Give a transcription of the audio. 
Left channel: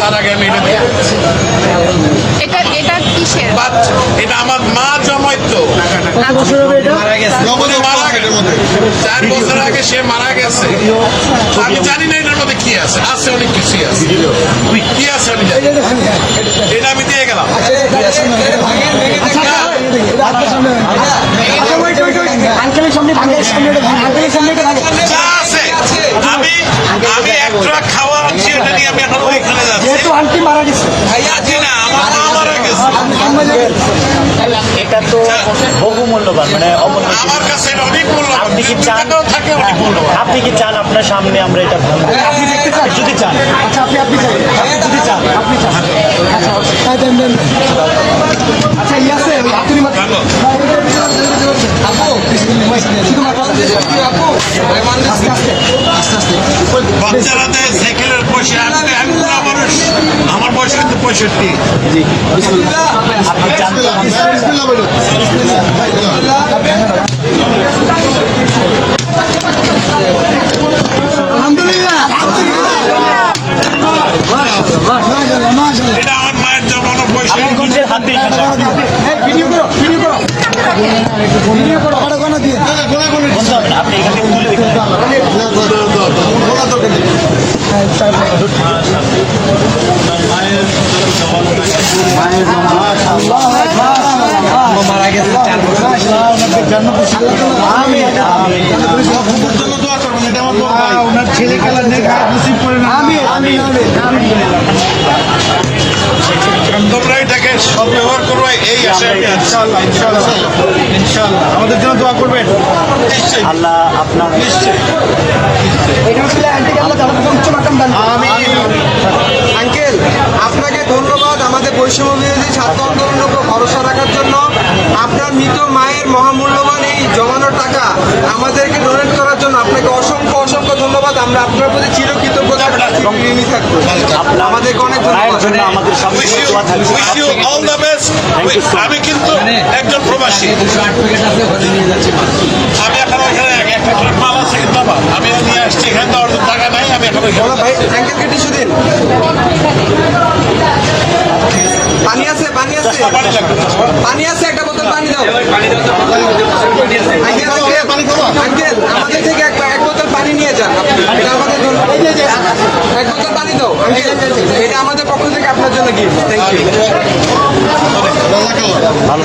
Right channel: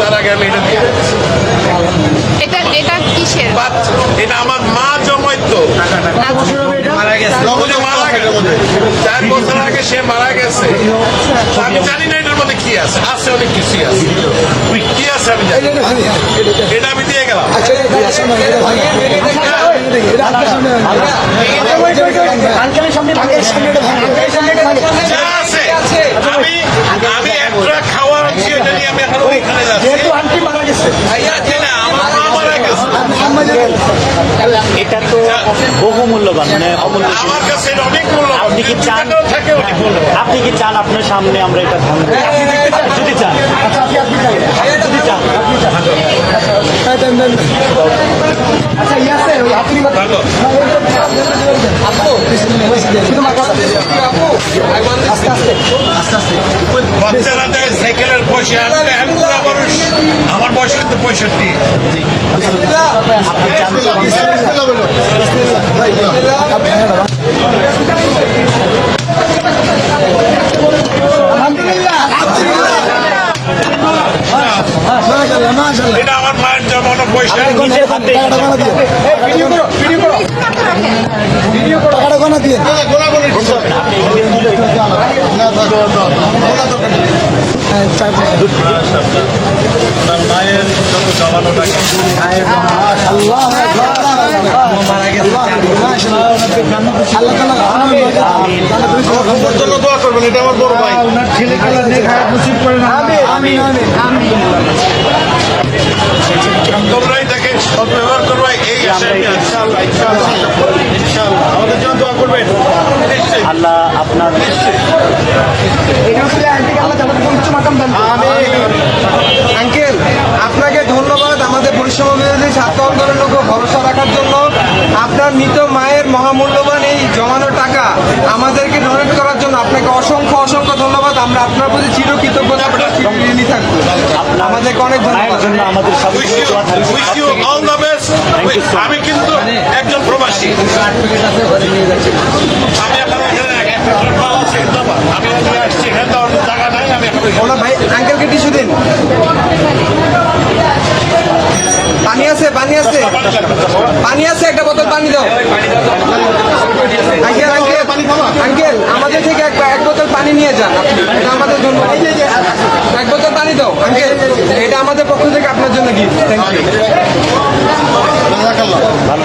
তার আগে আমি এটা এটা আমার মা জমাই তো চার বছর আগে সে মারা গেছে। আমি জানি না এটার মধ্যে কি আছে। আছে অনেক কিছুই আছে। কি আছে আমি জানি খাওয়া এটা নিয়ে আমি এখন ওইখানে যাচ্ছি। যেহেতু আন্টি মারা গেছে। যাচ্ছি না আমার মা মারা গেছে। এটা তো বহু মূল্যবান মানে অমূল্য আমার কাছে এটা অনেক মূল্যবান। আপনি কি চান? থাকে অনেক মূল্যবান। আপনি কি চান আপনার সামনে আমরা এটা ভাঙবো আপনি দেখতে চান? যদি চান। আচ্ছা আপনি আপনি চাই। যদি চান আপনি চান। আচ্ছা আচ্ছা। দেন দেন আচ্ছা আছে আপনি ভালো। শুধু মাথা আস্তে আস্তে। বাচ্চারা দেয় সাইকেলের পয়সা আনতে আমি বুড়া মানুষ আমার বয়স কিন্তু পঁয়ষট্টি। এটা আমার মায়ের জন্মানো পয়সা। নিজের হাতে ভিডিও করো ভিডিও করো ভিডিও করো দিয়ে আপনি মারা গেছে জন্য দোয়া করবেন এটা আমার বড় ভাই ওনার ছেলে খেলা দেখা নসিব করে আমি আমি আমি তোমরা এটাকে সব করবে এই আশা আমি আছি। ইনশাআল্লাহ ইনশাআল্লাহ ইনশাআল্লাহ আমাদের জন্য দোয়া করবেন নিশ্চয়ই আল্লাহ আপনার নিশ্চয়ই আপনার মৃত মায়ের মহামূল্যবান এই জমানো টাকা আমাদেরকে ডোনেট করার জন্য আপনাকে অসংখ্য অসংখ্য ধন্যবাদ। আমরা আপনার প্রতি চিরকৃতজ্ঞ ঋণী থাকব অনেক মায়ের জন্য আমাদের সব দোয়া থাকবে. আমি কিন্তু একজন প্রবাসী। আমি এখন ওইখানে একটা মাল আছে আমি নিয়ে আসছি এখানে টাকা নাই আমি এখন ভাই আঙ্কেলকে টিস্যু দিন পানি আছে পানি আছে পানি আছে, একটা বোতল পানি দাও। আঙ্কেল আমাদের থেকে এক বোতল পানি নিয়ে যান। আমাদের জন্য। এক বোতল পানি দাও, আঙ্কেল। এটা আমাদের পক্ষ থেকে আপনার জন্য গিফট থ্যাংক ইউ ভালো।